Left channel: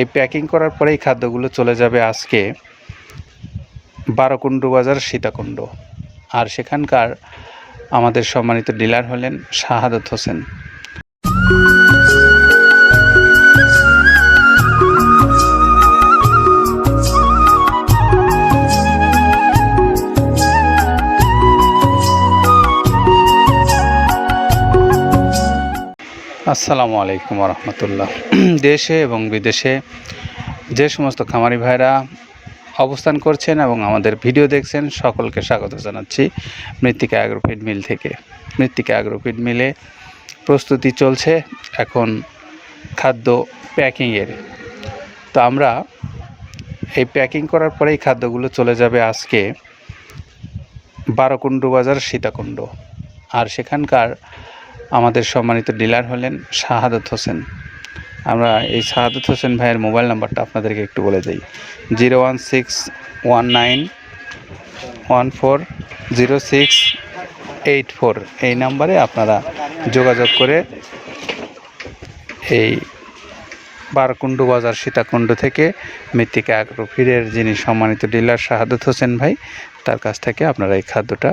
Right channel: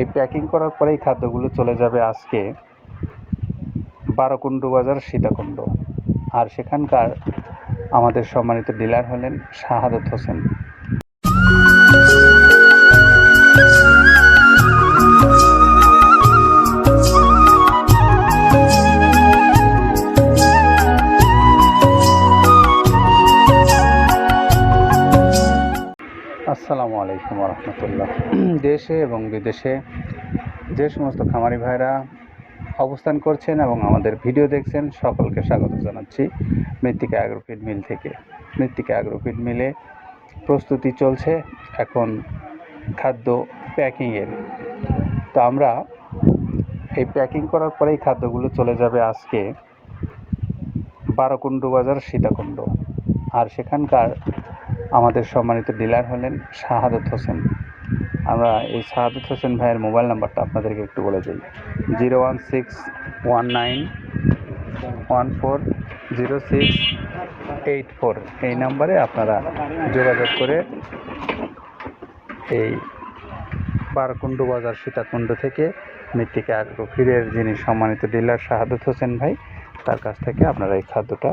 এই প্যাকিং করার পরে এই খাদ্যগুলো চলে যাবে আজকে বারোকুণ্ড বাজার, সীতাকুণ্ড। আর সেখানকার আমাদের সম্মানিত ডিলার হলেন শাহাদত হোসেন। আসসালামু আলাইকুম রহমতুল্লাহ দেশে এবং বিদেশে যে সমস্ত খামারি ভাইরা অবস্থান করছেন এবং আমাদের ভিডিও দেখছেন, সকলকে স্বাগত জানাচ্ছি মৃত্তিকা অ্যাগ্রোফিড মিল থেকে। মৃত্তিকা অ্যাগ্রোফিড মিলে প্রস্তুতি চলছে এখন খাদ্য প্যাকিংয়ের। তো আমরা এই প্যাকিং করার পরেই খাদ্যগুলো চলে যাবে আজকে বারোকুণ্ড বাজার সীতাকুণ্ড। আর সেখানকার আমাদের সম্মানিত ডিলার হলেন শাহাদত হোসেন। আমরা এই শাহাদত হোসেন ভাইয়ের মোবাইল নাম্বারটা আপনাদেরকে একটু বলে দিই। Zero one six one nine one four zero six eight four. এই নাম্বারে আপনারা যোগাযোগ করে এই বারকুণ্ড বাজার সীতাকুণ্ড থেকে মৃত্তিকা আগ্রফিরের যিনি সম্মানিত ডিলার শাহাদত হোসেন ভাই, তার কাছ থেকে আপনারা এই খাদ্যটা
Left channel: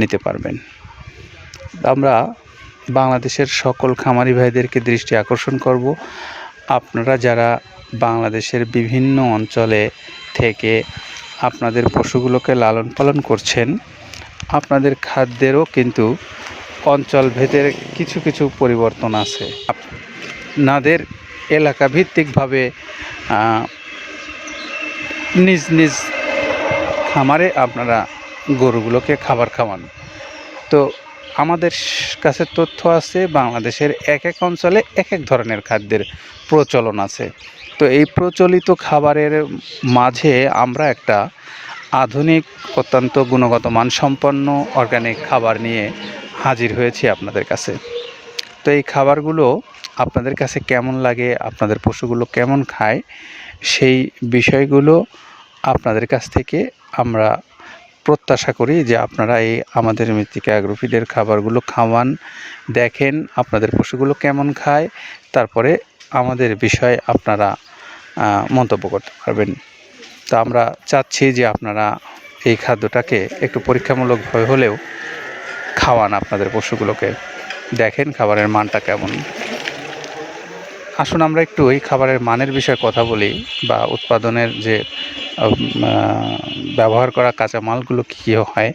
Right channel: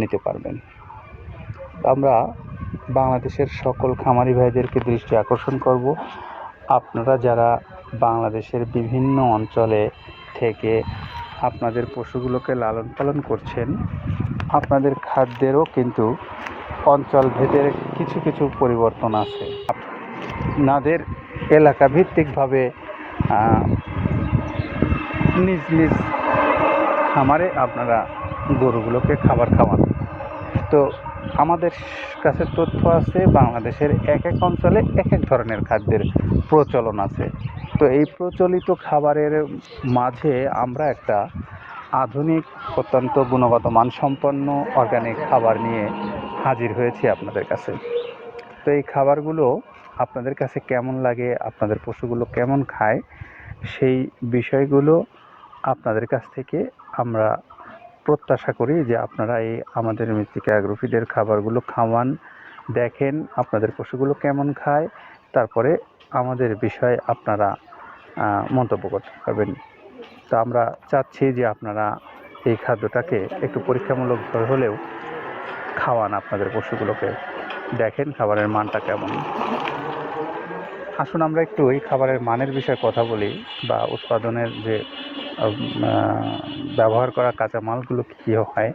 নিতে পারবেন। আমরা বাংলাদেশের সকল খামারি ভাইদেরকে দৃষ্টি আকর্ষণ করব। আপনারা যারা বাংলাদেশের বিভিন্ন অঞ্চলে থেকে আপনাদের পশুগুলোকে লালন পালন করছেন, আপনাদের খাদ্যেরও কিন্তু অঞ্চল ভেদের কিছু কিছু পরিবর্তন আছে। আপনাদের এলাকা ভিত্তিকভাবে নিজ নিজ খামারে আপনারা গরুগুলোকে খাবার খাওয়ান। তো আমাদের কাছে তথ্য আছে, বাংলাদেশের এক এক অঞ্চলে এক এক ধরনের খাদ্যের প্রচলন আছে। তো এই প্রচলিত খাবারের মাঝে আমরা একটা আধুনিক, অত্যন্ত গুণগত, মানসম্পন্ন অর্গানিক খাবার নিয়ে হাজির হয়েছি আপনাদের কাছে। তো এই খাবারগুলো আপনাদের কাছে কেমন লাগে, আপনাদের পশুগুলো কেমন খায়, সেই বিষয়গুলো আপনাদের কাছ থেকে আমরা প্রত্যাশা করি যে আপনারা এই আমাদের মৃত্তিকা অ্যাগ্রোফিডের খাবারগুলো খাওয়ান, দেখেন আপনাদের পশুগুলো কেমন খায়, তারপরে আমাদের বিষয়ে আপনারা মন্তব্য করতে পারবেন। তো আমরা চাচ্ছি যে আপনারা এই খাদ্যটাকে একটু পরীক্ষামূলকভাবে হলেও খাওয়ান আপনাদের পশুগুলোকে। দেখেন খাবারের মানটা কেমন। আসুন আমরা একটু এই খাবারের মানের বিষয়ে কথা বলি বা উৎপাদনের যে ব্যবহার করা কাঁচামালগুলো কী কী হয়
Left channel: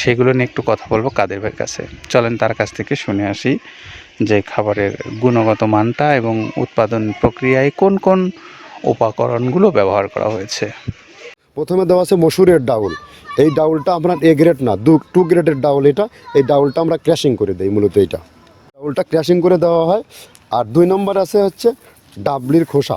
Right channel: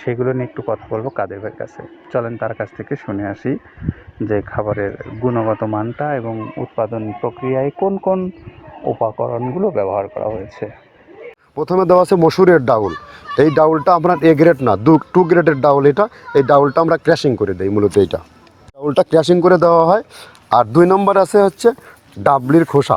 সেগুলো নিয়ে একটু কথা বলব কাদের ভাইয়ের কাছে। চলেন তার কাছ থেকে শুনে আসি যে খাবারের গুণগত মানটা এবং উৎপাদন প্রক্রিয়ায় কোন কোন উপকরণগুলো ব্যবহার করা হয়েছে। প্রথমে দেওয়া আছে মসুরের ডাউল। এই ডাউলটা আপনার এ গ্রেড না, দু টু গ্রেডের ডাউল এটা। এই ডাউলটা আমরা ক্র্যাশিং করে দিই মূলত এইটা। ডাউলটা ক্র্যাশিং করে দেওয়া হয়। আর দুই নম্বর আছে হচ্ছে ডাবলির খোসা।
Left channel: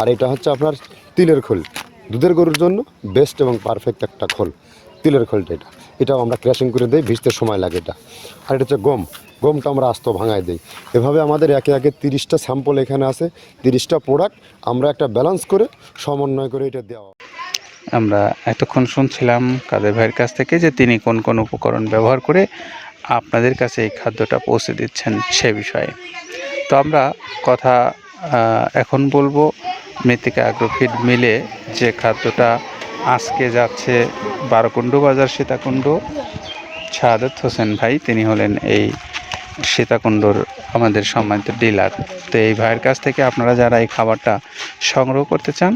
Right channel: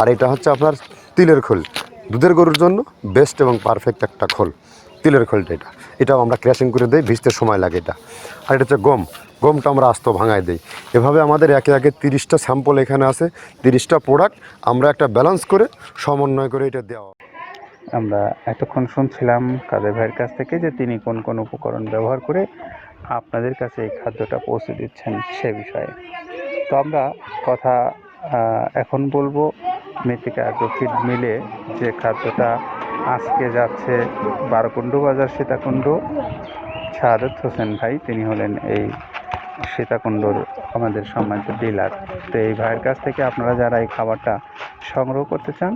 আর এটা হচ্ছে আপনার তিলের খোল। দুধের গরুর জন্য বেস্ট এবং পারফেক্ট একটা খোল। তিলের খোলটা এটা। এটাও আমরা ক্র্যাশিং করে দিই, ভিজতে সময় লাগে এটা। আর এটা হচ্ছে গম। গমটা আমরা আস্ত ভাঙায় দিই। এভাবে আমাদের একে একে তিরিশটা স্যাম্পল এখানে আছে, তিরিশটা প্রোডাক্ট আমরা একটা ব্যালেন্স করে সমন্বয় করে এটা দেওয়া আমরা এতক্ষণ শুনছিলাম কাদের ভাইয়ের কাছ থেকে যে তিনি কোন কোন উপকরণ ব্যবহার করে আপনাদের কাছে এই খাদ্যটা পৌঁছে দিচ্ছেন সে বিষয়ে। তো আমরা কথা এখন বলব মৃত্তিকা অ্যাগ্রোফিড মিলে যে খাদ্যটা আজকে যাচ্ছে বারোকুণ্ডু বাজার সীতাকুণ্ড শাহাদত হোসেন ভাই, তিনি হলেন এই সীতাকুণ্ডর আমাদের সম্মানিত ডিলার তো এই ভাইয়ের কাছ থেকে আপনারা যারা এই খাবারটা সংগ্রহ করতে চান,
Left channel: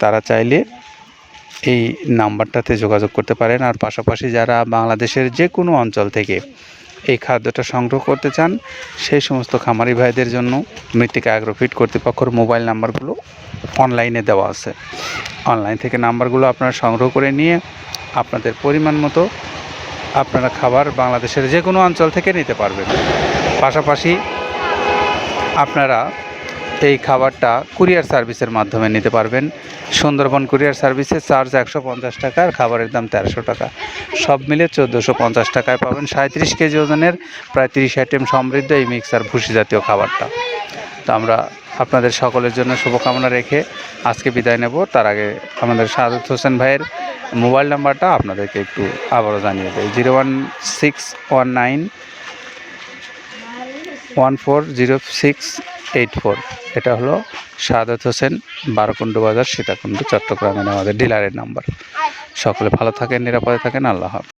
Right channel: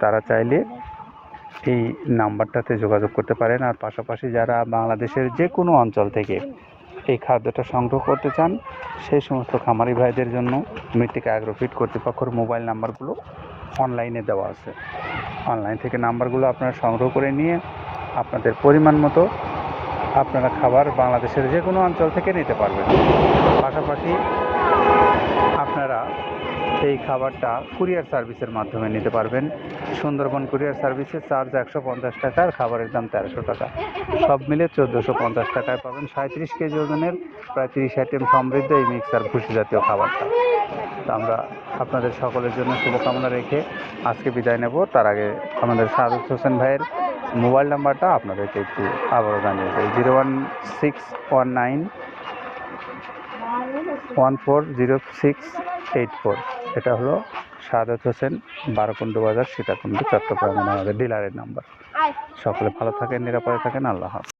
তারা চাইলে এই নাম্বারটাতে যোগাযোগ করতে পারেন। আর পাশাপাশি যারা বাংলাদেশের যে কোনো অঞ্চল থেকে এই খাদ্যটা সংগ্রহ করতে চান, সেই সমস্ত খামারি ভাইদের জন্য মৃত্তিকা অ্যাগ্রোফিট কর্তৃপক্ষের মোবাইল নাম্বারগুলো অনলাইনে দেওয়া আছে। অনলাইন থেকে নাম্বারগুলো আপনারা সংগ্রহ করে নিয়ে আপনাদের পরিমাণ মতো আপনারা খাবার বাংলাদেশের যে কোনো অঞ্চল থেকে নিতে পারবেন। পাশাপাশি আপনারা এই খাবারটা কুরিয়ার সার্ভিসের মাধ্যমে নিতে পারবেন। সুন্দরবন কুরিয়ার সার্ভিসে চার্জ একশো পঞ্চাশ টাকা, আর খাবারের দাম তেরোশো টাকা। সব মিলে চোদ্দোশো পঞ্চাশ টাকায় পাবেন। সাঁত্রিশ কেজি ওজনের প্রায় তিরিশ আইটেম সমৃদ্ধ এই মিক্সার ভুসি জাতীয় খাবারটা। তো আমরা আপনাদের সকলের জন্য শুভকামনা রেখে আজকে বিদায় নেব। তার আগে আমাদের সাদত হোসেন ভাইয়ের মোবাইল নাম্বারটা আপনাদেরকে একটু আবারও জানিয়ে দেয় zero one six one nine one four zero six eight four এটা হলো সাদাত হোসেন বারকুণ্ড বাজার সীতাকুণ্ড চট্টগ্রামের আমাদের ডিলারের নাম্বার সকলে ভালো থাকেন নিরাপদে থাকেন আল্লাহ